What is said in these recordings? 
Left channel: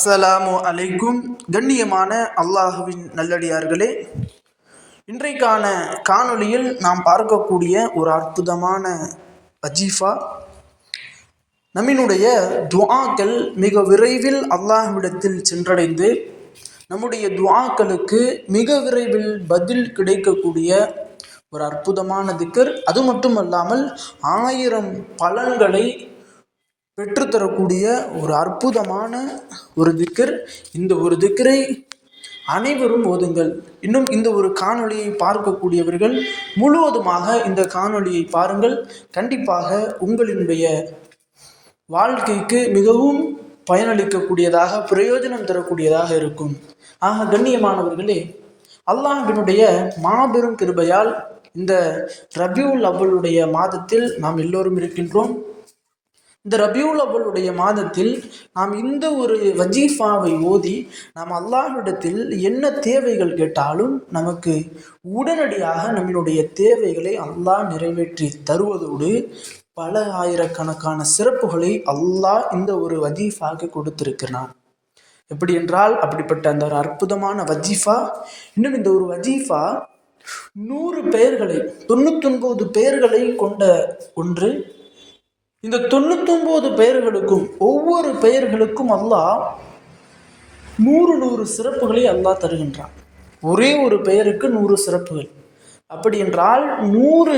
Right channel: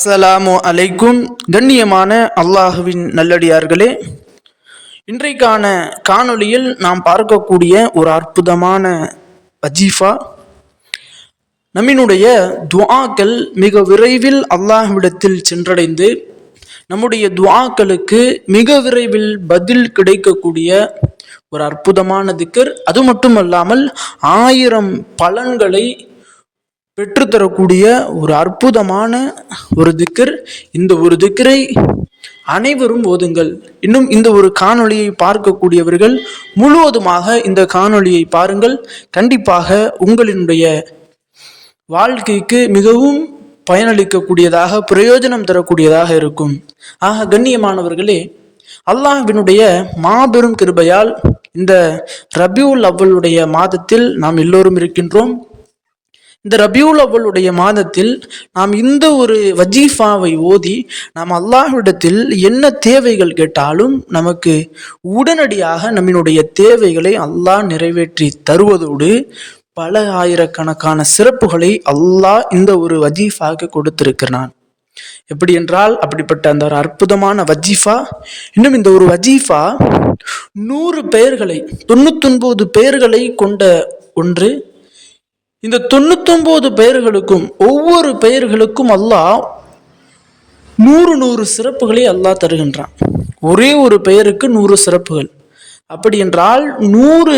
அஸ்ஸலாமு அலைக்கும். கண்ணியமான அல்லாஹுவின் நல்லடியார்களே இன்றைக்கான காணொளியில் நாம் பார்க்கக்கூடிய ஒரு அற்புதமான வஜீஃபா. நம்மினுடைய துவாக்கள் மிக விரைவில் அல்லாஹ்விடத்தில் சென்றடைந்து நம்முடைய துவாக்களுக்கு மிக விரைவில் பதில் கிடைக்கக்கூடிய ஒரு அற்புதமான திக்கர். அது மட்டுமல்லாமல் ஆயிரம் பலன்களை பெற்றுத்தரக்கூடிய ஒரு அற்புதமான ஒரு திக்கர். இந்த ஒரு திக்கரை அனைவரும் ஓதுங்கள். இன்னும் இந்த ஒரு காணொளியை பார்க்கக்கூடியவர்கள் முழுவதுமாக இந்த காணொளியை பாருங்கள். கண்டிப்பாக உங்களினுடைய வாழ்க்கைக்கு மிகவும் பயனளிக்கக்கூடியதாக பிரயோஜனம் தரக்கூடியதாக இருக்கும். ஆக கண்ணியமானவர்களே அல்லாஹினுடைய மாபெரும் கிருபையால் இந்த ரபியுல் அவ்வளுடைய மாதத்தில் நாம் எல்லோரும் இருக்கின்றோம். இந்த ரபியூல் அவளுடைய மாதத்தில் நாம் இந்த ஒரு வஜீஃபாவை ஓதி நாம் அல்லாஹ்விடத்தில் என்ன தேவைகள் கேட்டாலும் நமக்கு உடனடியாக நம்மினுடைய தேவைகளை அல்லாஹ் நிறைவேற்றி தருவதோடு பல ஆயிரக்கணக்கான சிறப்புகளை அல்லாஹ் இந்த ஒரு வஜீஃபாவுக்கு கொடுத்திருக்கிறான். எப்படி என்றால் அப்படிப்பட்ட அந்த ஒரு அற்புதமான வஜீஃபா இன்னும் இந்த ஒரு வஜீஃபா நூறு பெயர்களை தொண்ணூத்தொன்பது பெயர்களை கொண்ட ஒன்று இந்த தொண்ணூத்தொன்பது பெயர்களுக்கும் ஒவ்வொரு பெயர்களுக்கும் அல்லாஹ் நூறு நூறு சிறப்புகளை அல்லாஹ் தருகின்றான். ஒரே ஒரு பெயருக்கு நூறு சிறப்புகள். அப்படி என்றால் நூறு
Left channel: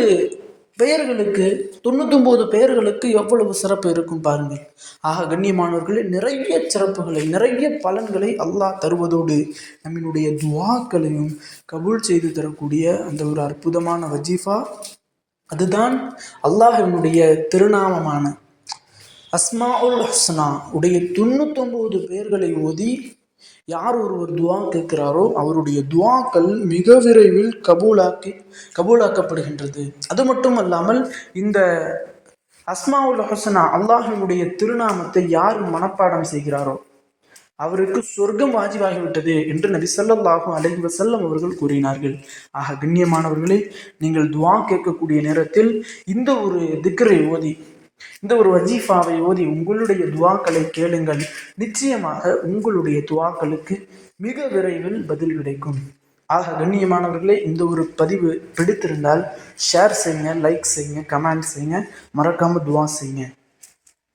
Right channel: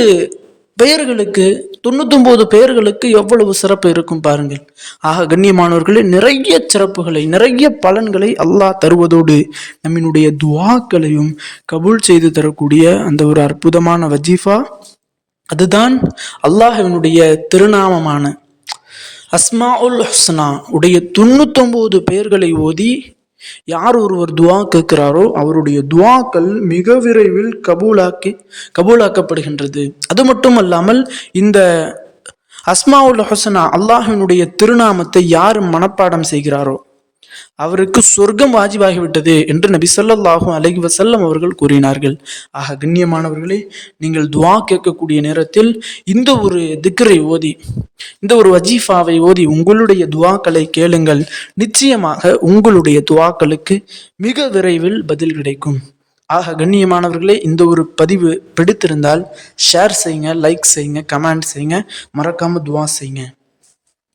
பெயர்களுக்கு தொண்ணூத்தொன்பது பெயர்களுக்கு எவ்வளவு சிறப்பு இருக்கும் பாருங்கள். ஆக கண்ணியமானவர்களே நிறைய சிறப்புகளை நிறைய பலன்களை அல்லாஹ் தருவதோடு நம்மினுடைய துவாக்களையும் கபூல் செய்து தரக்கூடிய அந்த ஒரு அற்புதமான வஜீஃபா அதுதான் அல்லாஹினுடைய திருநாமமான அஸ்மா உல் ஹஸ்னா உடைய தொண்ணூத்தொன்பது பெயர்களை ஓதி யார் ஒருவர் துவா கேட்கிறாரோ அவருடைய துவாக்கள் மிக விரைவில் கபூலாக்கி கபூலாக்கப்படுகின்றது. அது மட்டும் அல்லாமல் இந்த அஸ்மாவுல் ஹசனா அல்லாஹினுடைய திருநாமத்தை யார் மனப்பாடம் செய்கிறாரோ அவருக்கு சொர்க்கம் வாஜிபாகிவிட்டது என்று நபி ஸல்லல்லாஹு அலைஹி வசல்லம் அவர்கள் கூறினார்கள். ஆக கண்ணியமானவர்களே நீங்கள் துவா கேட்கக்கூடிய நேரத்தில் இந்த ஒரு திக்கரை ஓதி இந்த ஒரு வஜீஃபாவை ஓதி உங்களுடைய துவாக்களை கேளுங்கள். நிச்சயமாக உங்களுடைய துவாக்களுக்கு மிக விரைவில் பதில் கிடைக்கும். ஆக கண்ணியமானவர்களே இந்த ஒரு பதிவு பிடித்திருந்தால் ஷேர் செய்யுங்க லைக் செய்யுங்க கமெண்ட் செய்யுங்க மறக்காம துவா செய்யுங்க.